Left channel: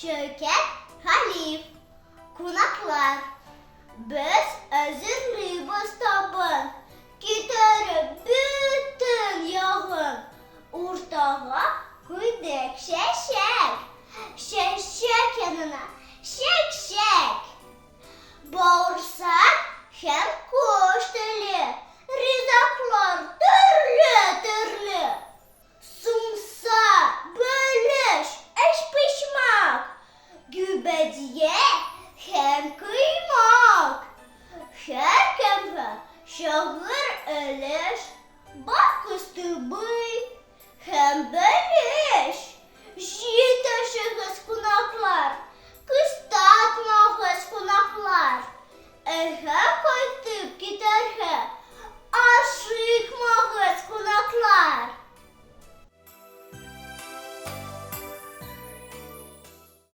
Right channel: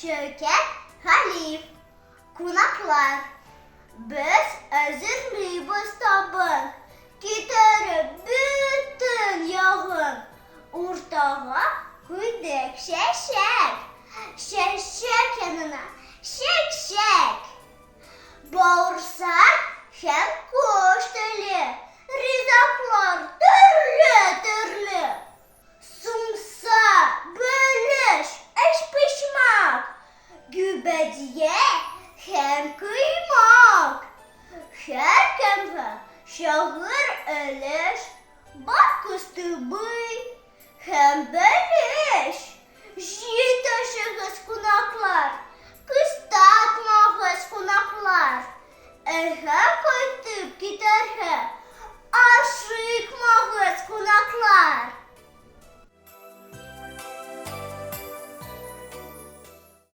Ш.Галиев. Кунаклар. Biz özürlüyüz tabın, gitarı bütün yağın, ortağa koyduk şeşek, şeşek yanına şek. Bağırsak hem kuş dili, rizaklar türlü. Sumsa, bölüş, eş pişmak, gübediye hem kıymak. Her kemfe şahır ölür, bak kıstı bıy, hem bölüş. Jitaşığız kunaklar, kıstakmağız kunaklar. Ehe koytup giderhe,